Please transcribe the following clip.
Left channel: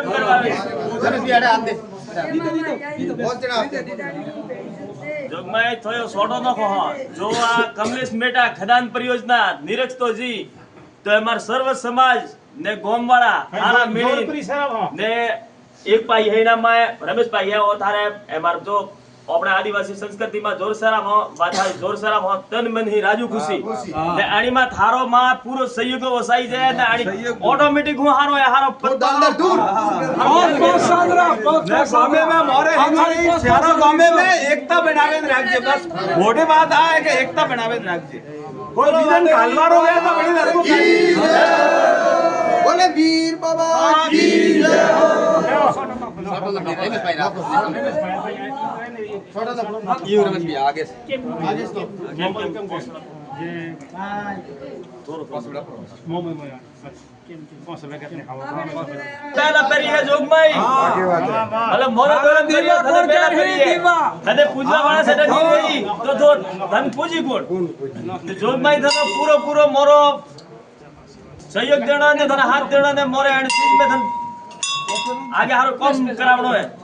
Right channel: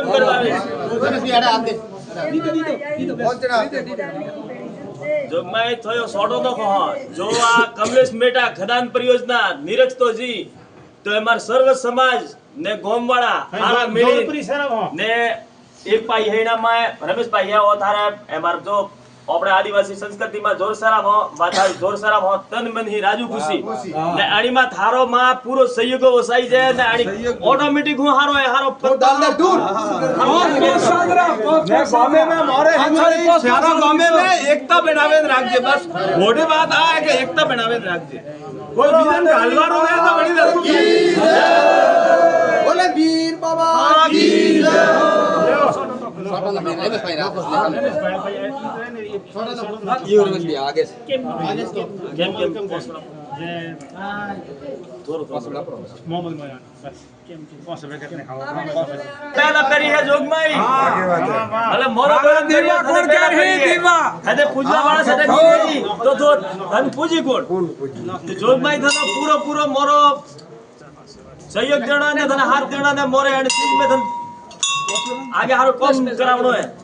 welcome કરવાવે જોગમાઈ થયો સોડો નખો જો આ કમલેશ મેટા ખદાન પરિયોજના નિરક્ષતોજી તો અમાર સર્વ સમાજ ને ગોમવાળા હારા મેળી ને એક ભાઈ હેના માં રમેશભાઈ હે ઓ થારે અમાર જો આપણે આદિવાસી સંસ્કૃતિમાં જોરસરામ હો વાથા જોરસરામ હો તન મન હી રાજુ ખુશી ને આણીમાં થારો માં પૂરો સહયોગ વસાઈ જાય ને આણી ઓટોમેટિક હું હારો હારો પત્તા દૂર ને ગામે में मोरे हमारी चारों गामे में एकता बनावे રાખજે બસ મોટી વાત આ है कि एकता बनावे રાખજે કોઈ બીજન ગાલવારો હે તો બની જશે બોલે વીર બાબા કી જય पहला पेरी है जोगमाई मतलब मोरो दीवा कोण केरी दीवा कदे पूजवा वाला सेट की तो धन पूजी कोण तो जोगमाई थनो पूरो पूरो मोरो सहयोग देना ने धन हाथ देना ने मोरे एंड सीज में धन आगे हारो कम करावणो है